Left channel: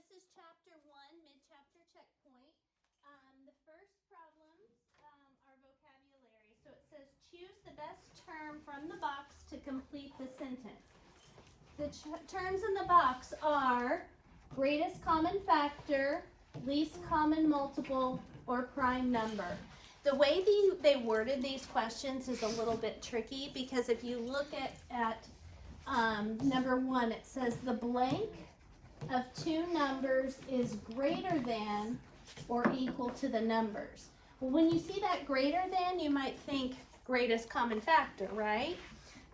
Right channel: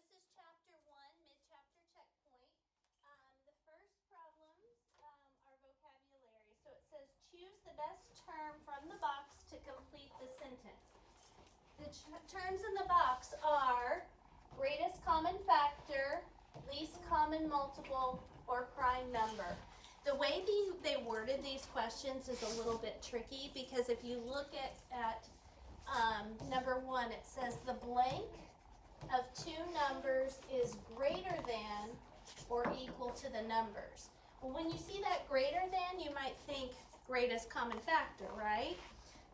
this is chapter 1, mid-chapter checkpoint. The first problems are vocabulary. So it says, choose the best term from the box to complete the sentence. The terms in the box are greatest common factor, least common multiple, or prime number. The way they worded these questions is a little bit tricky because if you look at number 1, it says the blank of two numbers is greater than or equal to the numbers. Well, when you see that greater than, you might think greatest common factor, right?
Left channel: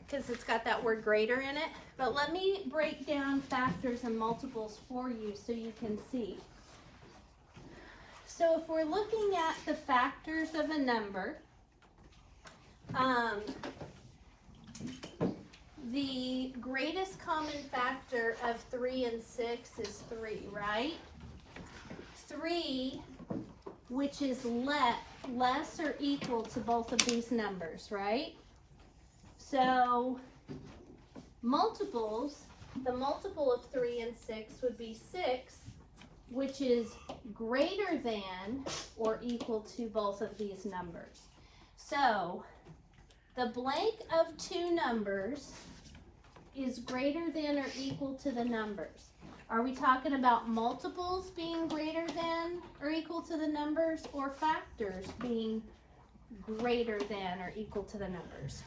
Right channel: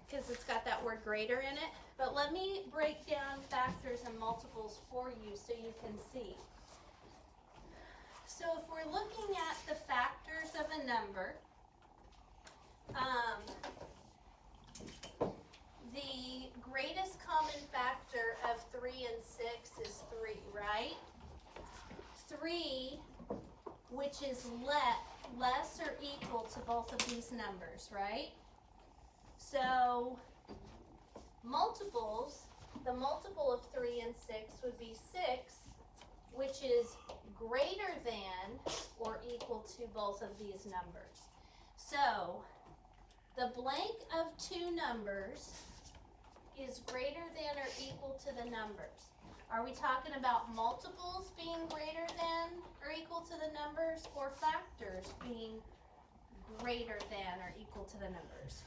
Because it's got that word greater in it. But let me break down factors and multiples for you so you can see. So if we're looking at the factors of a number, the greatest common factor of 3 and 6 is 3, right? 3, which is less or equal to both of these numbers, right? So multiples, the multiple of 3 and 6 would be 6, which is greater than or equal to both of these numbers. So the blank of two numbers is greater than or equal to the numbers. Are we talking about multiples being greater than or equal to the numbers, or factors being greater than or equal to the numbers?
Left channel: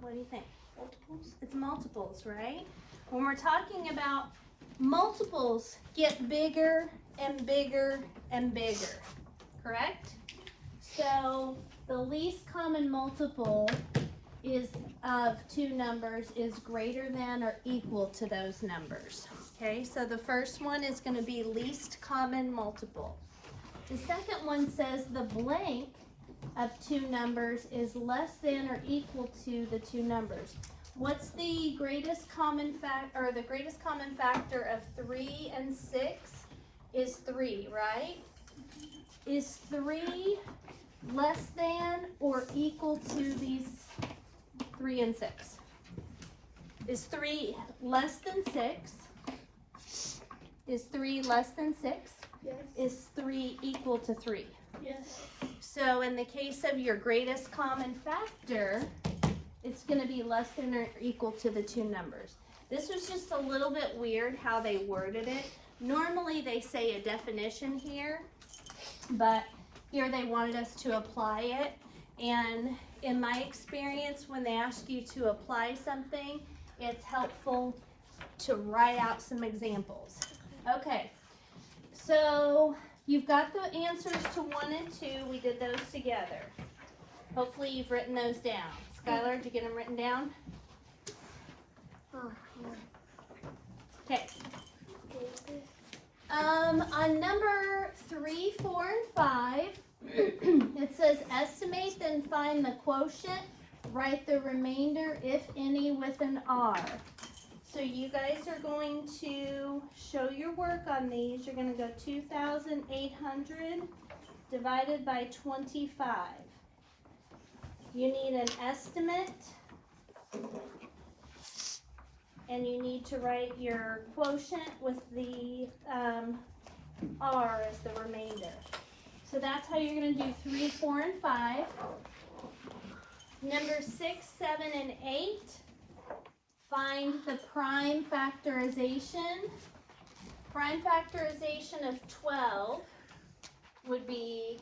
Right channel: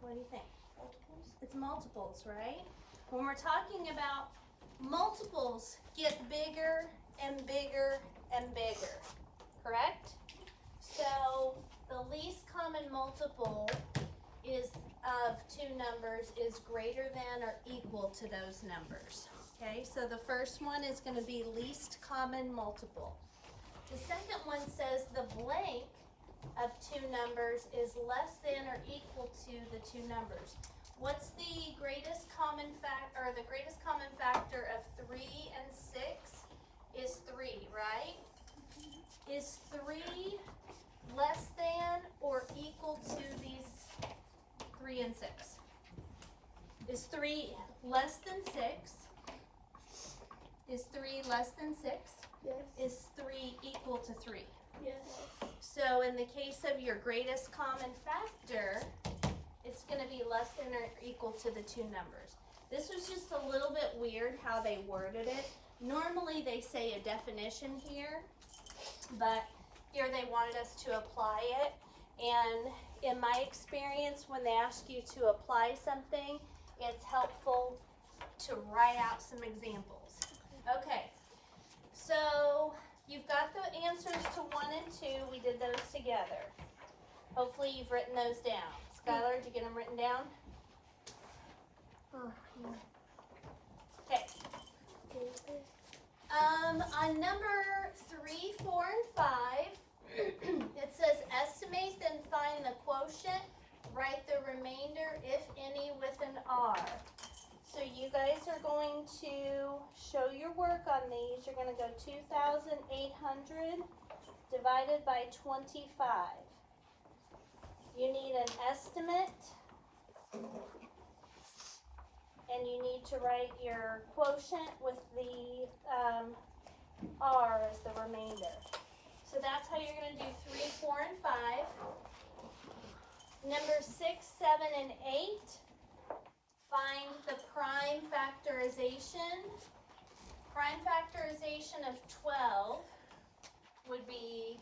What do you think? Multiples? It's multiples, right? When we're talking about multiples, get bigger and bigger and bigger, correct? So the least common multiple is of two numbers is greater than or equal to those numbers. Okay, so the first one is going to be least common multiple. The second one says the blank of two numbers is less than or equal to the two numbers. What's the greatest common factor, or the greatest common factor of 3 and 6 is 3, right? Is 3 less than or equal to these 3 and 6? Is 3 less than 6? Is 3 less than 6? Yes. Is 3 equal to 3? Yes. So in the case of your greatest common factor, it's going to be less than or equal to the two numbers. This was just a little bit weird how they worded it. Normally they say a definition here, but here they wanted us to apply it. And in my experience, when they ask you to apply something, it's helpful to write out some examples. Okay, so you've got the answers to 1 and 2. We did those together. Hopefully you've written those down. Skylar, did you get them written down? Okay. On number 3, 4, and 5, it says estimate, then find the quotient. Write the remainder, if any, with an R. So you guys are going to show your work on these. You're going to go 2,800 divided by 25. You need an estimate, and you need to write your quotient with the R as the remainder. So that's how you're going to do 3, 4, and 5. Number 6, 7, and 8. Find the prime factorization. Prime factorization of 12 would be,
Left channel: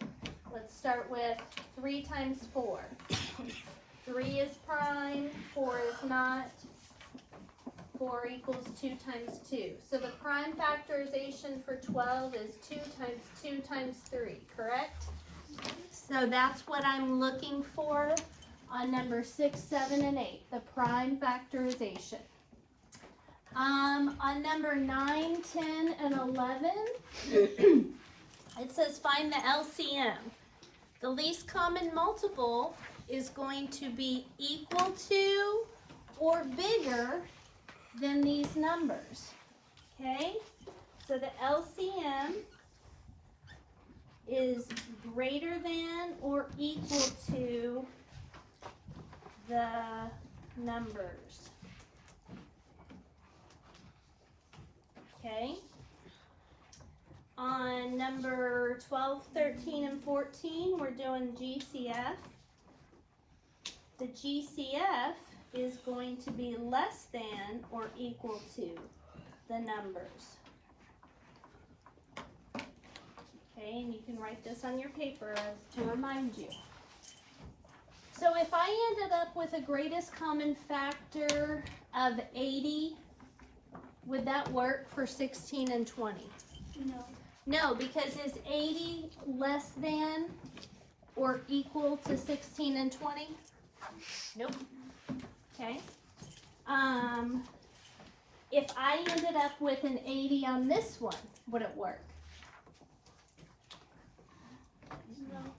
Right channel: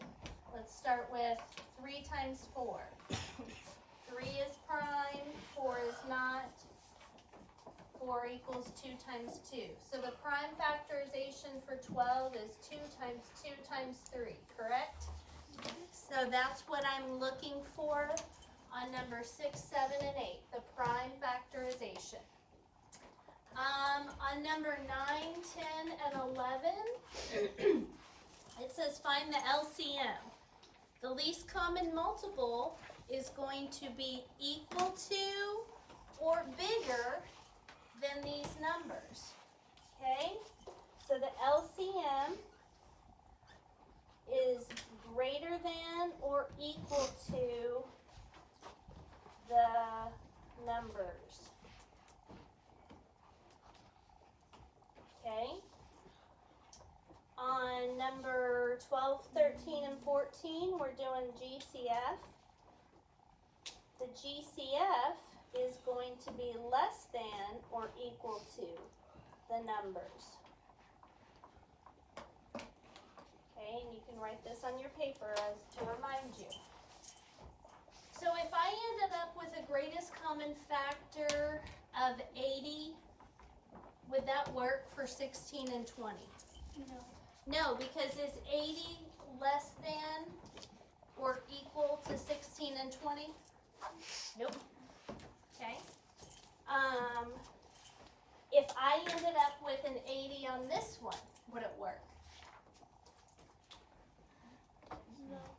let's start with 3 times 4. 3 is prime, 4 is not. 4 equals 2 times 2. So the prime factorization for 12 is 2 times 2 times 3, correct? So that's what I'm looking for on number 6, 7, and 8, the prime factorization. On number 9, 10, and 11, it says find the LCM. The least common multiple is going to be equal to or bigger than these numbers. Okay? So the LCM is greater than or equal to the numbers. Okay. On number 12, 13, and 14, we're doing GCF. The GCF is going to be less than or equal to the numbers. Okay, and you can write this on your paper to remind you. So if I ended up with a greatest common factor of 80, would that work for 16 and 20? No. No, because is 80 less than or equal to 16 and 20? Nope. Okay. If I ended up with an 80 on this one, would it work? No.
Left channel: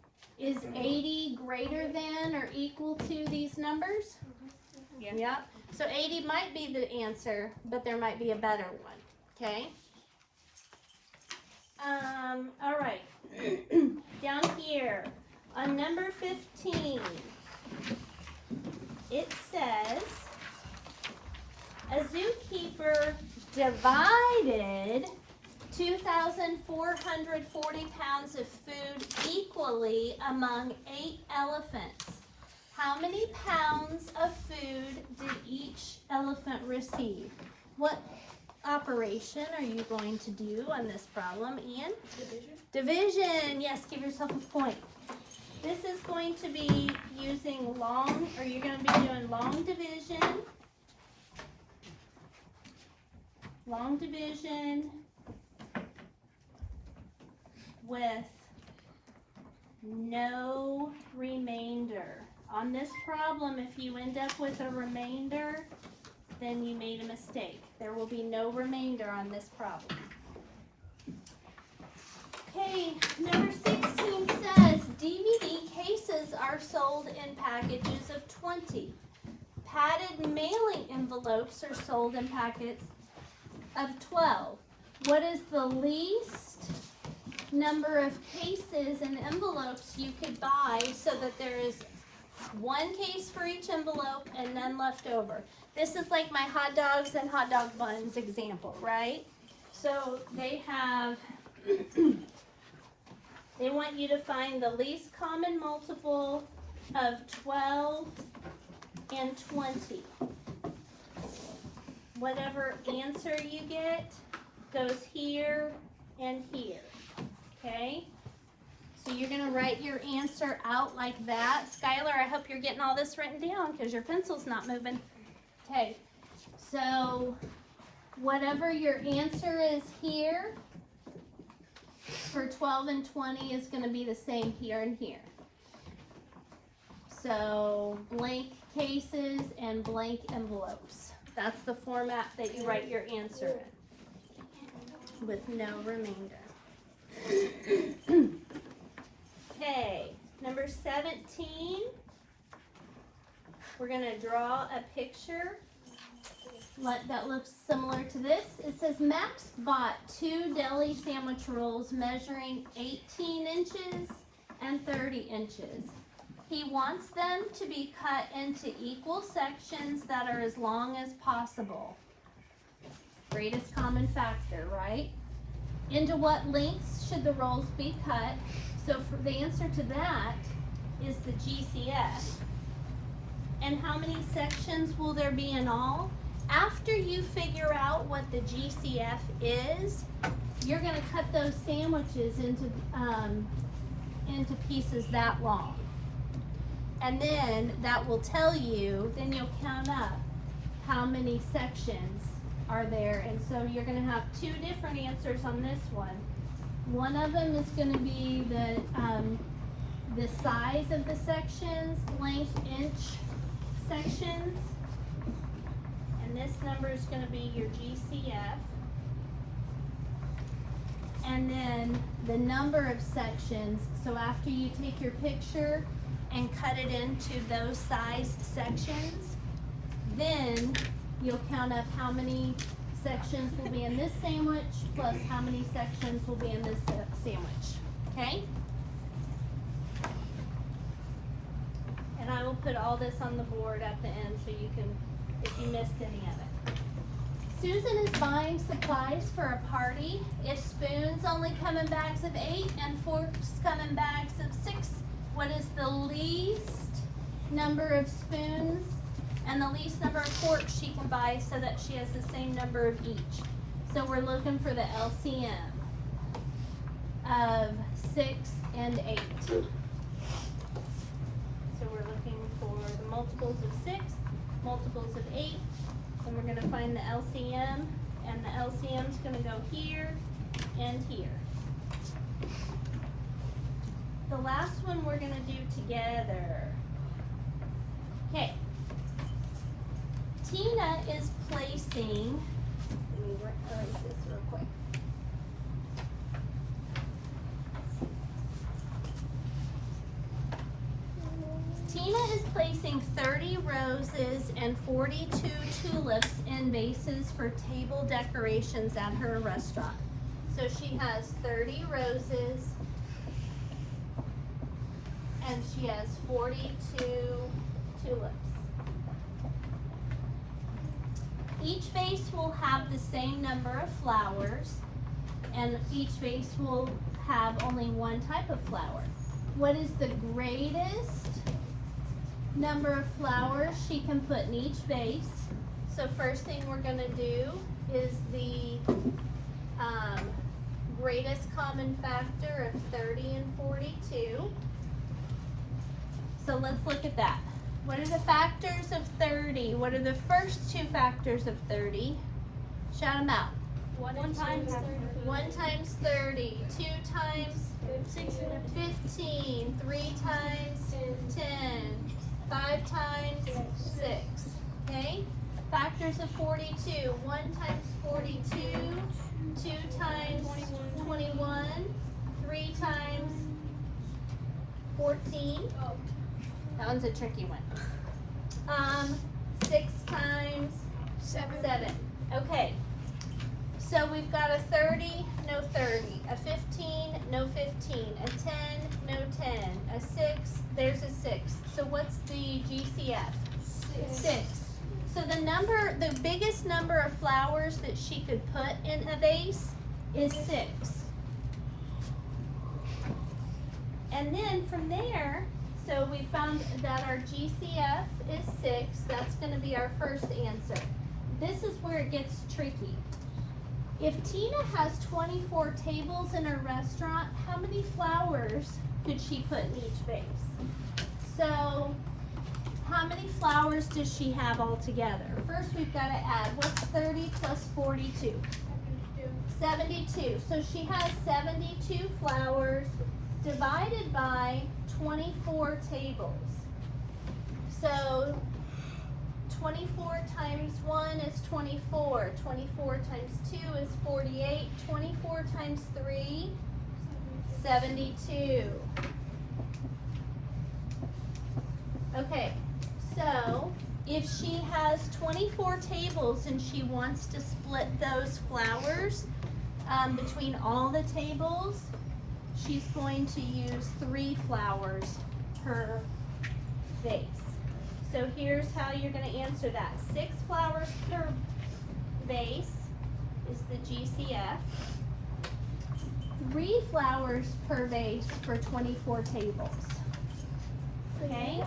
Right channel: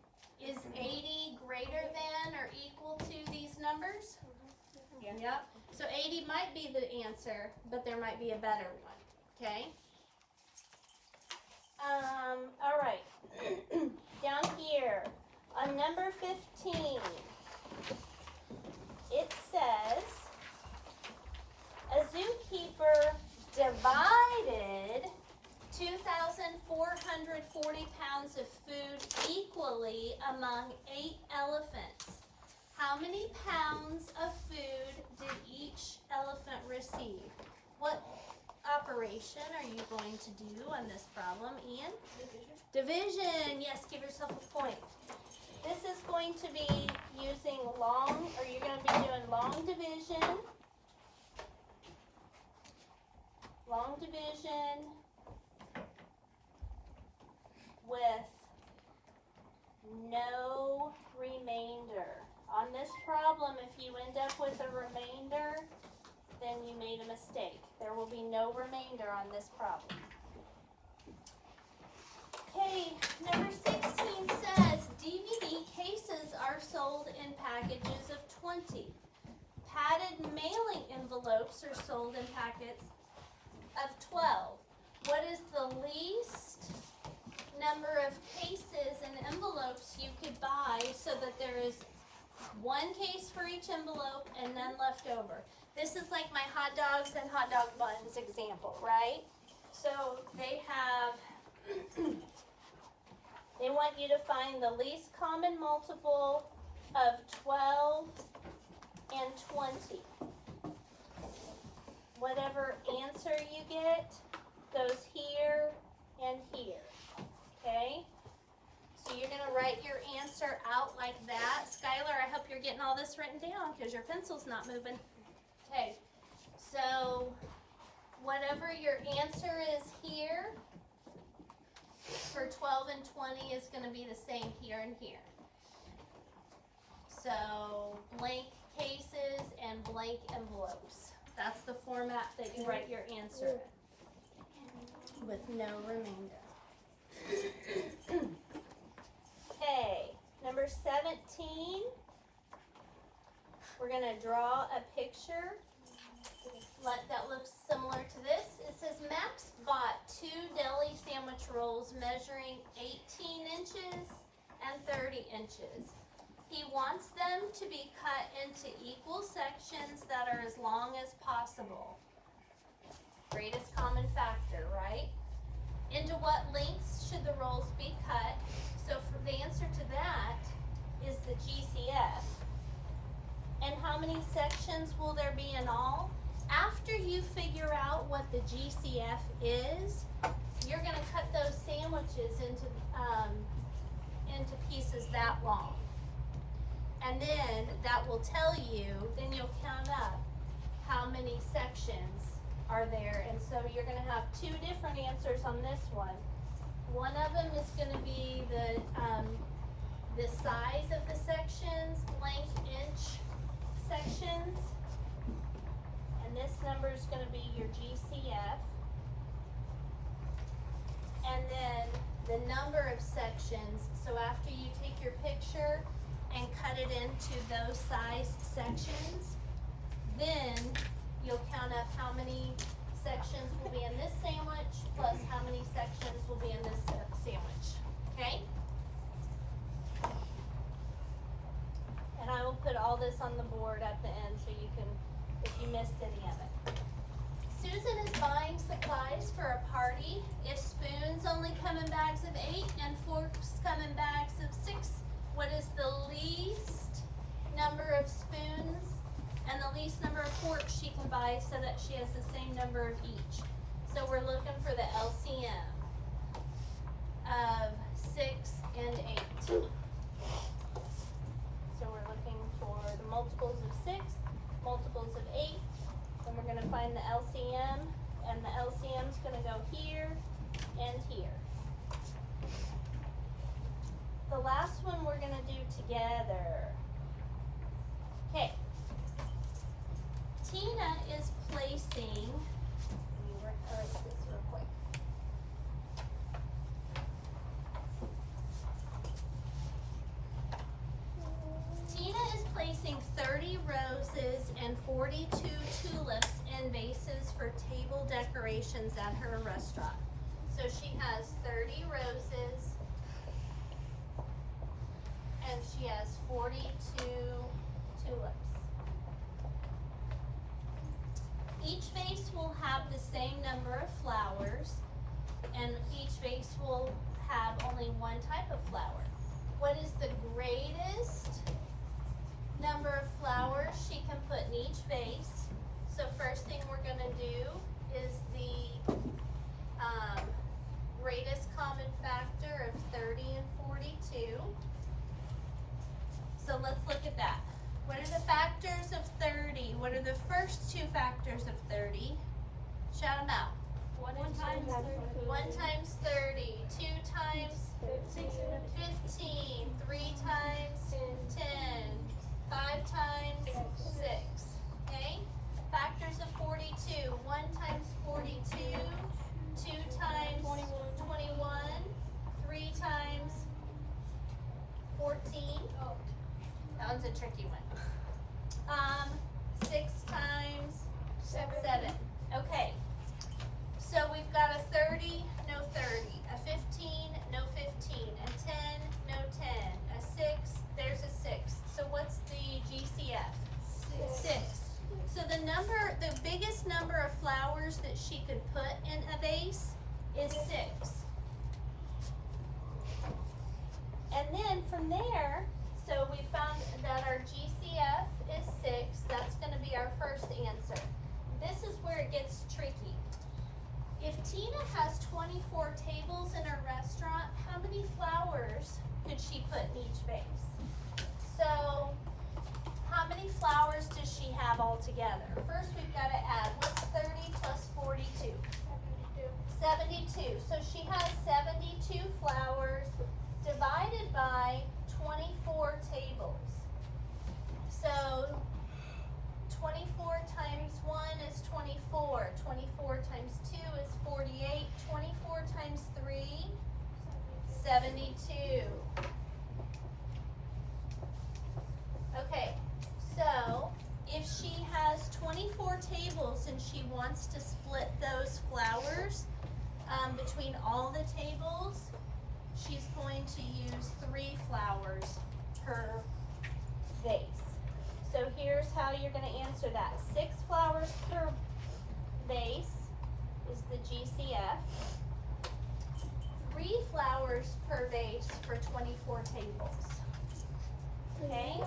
Is 80 greater than or equal to these numbers? Yeah. Yeah. So 80 might be the answer, but there might be a better one. Okay. All right. Down here on number 15, it says a zookeeper divided 2,440 pounds of food equally among 8 elephants. How many pounds of food did each elephant receive? What operation are you going to do on this problem, Ian? Division. Yes, give yourself a point. This is going to be using long, or you're going to be doing long division. Long division with no remainder. On this problem, if you end up with a remainder, then you made a mistake. There will be no remainder on this problem. Okay, number 16 says DVD cases are sold in packages of 20. Padded mailing envelopes are sold in packets of 12. What is the least number of cases and envelopes you could buy so that there is one case for each envelope and none left over? This is like my hot dogs and hot dog buns example, right? So they have, they want you to find the least common multiple of 12 and 20. Whatever answer you get goes here and here, okay? So you're gonna write your answer out like that. Skylar, I hope you're getting all this written down because your pencil's not moving. Okay, so whatever your answer is here for 12 and 20 is gonna be the same here and here. So blank cases and blank envelopes. That's the format that you write your answer in, with no remainder. Okay, number 17, we're gonna draw a picture that looks similar to this. It says Max bought 2 deli sandwich rolls measuring 18 inches and 30 inches. He wants them to be cut into equal sections that are as long as possible. Greatest common factor, right? Into what lengths should the rolls be cut? So for the answer to that is the GCF. And how many sections will there be in all? After you figure out what the GCF is, you're going to cut those sandwiches into pieces that long. And then that will tell you, then you'll count up how many sections are there. And so you're going to have 2 different answers on this one. One of them is going to be the size of the sections, blank inch sections. And this number is going to be your GCF. And then the number of sections. So after you take your picture and cut it into those size sections, then you'll count up how many sections will be in this sandwich plus how many sections will be in this sandwich, okay? And And I will put all this on the board at the end so you can, if you missed any of it. Susan is buying supplies for a party. If spoons only come in bags of 8 and forks come in bags of 6, what is the least number of spoons and the least number of forks she can buy so that she has the same number of each? So we're looking for the LCM of 6 and 8. So we're looking for the multiples of 6, multiples of 8, and we're going to find the LCM, and the LCM is going to go here and here. The last one we're going to do together. Okay. Tina is placing, let me erase this real quick. Tina is placing 30 roses and 42 tulips in vases for table decorations at her restaurant. So she has 30 roses and she has 42 tulips. Each vase will have the same number of flowers, and each vase will have only one type of flower. What is the greatest number of flowers she can put in each vase? So first thing we're going to do is the greatest common factor of 30 and 42. So let's look at that. What are the factors of 30? What are the first two factors of 30? Shout them out. 1 times 30. 1 times 30. 2 times 15. 3 times 10. 5 times 6. Okay? Factors of 42. 1 times 42. 2 times 21. 3 times 14. That one's a tricky one. 6 times 7. Okay. So we've got a 30, no 30. A 15, no 15. A 10, no 10. A 6, there's a 6. So what's the GCF? 6. So the biggest number of flowers that she could put in a vase is 6. And then from there, so we found that our GCF is 6. That's going to be our first answer. This is where it gets tricky. If Tina has 24 tables in her restaurant, how many flowers could she put in each vase? So how many flowers does she have altogether? First we've got to add, what's 30 plus 42? 72. So she has 72 flowers divided by 24 tables. So 24 times 1 is 24. 24 times 2 is 48. 24 times 3, 72. Okay, so if she has 24 tables and she wants to split those flowers between all the tables, she's going to use 3 flowers per vase. So here's how you're going to answer that. 6 flowers per vase is the GCF. 3 flowers per vase for 24 tables. Okay?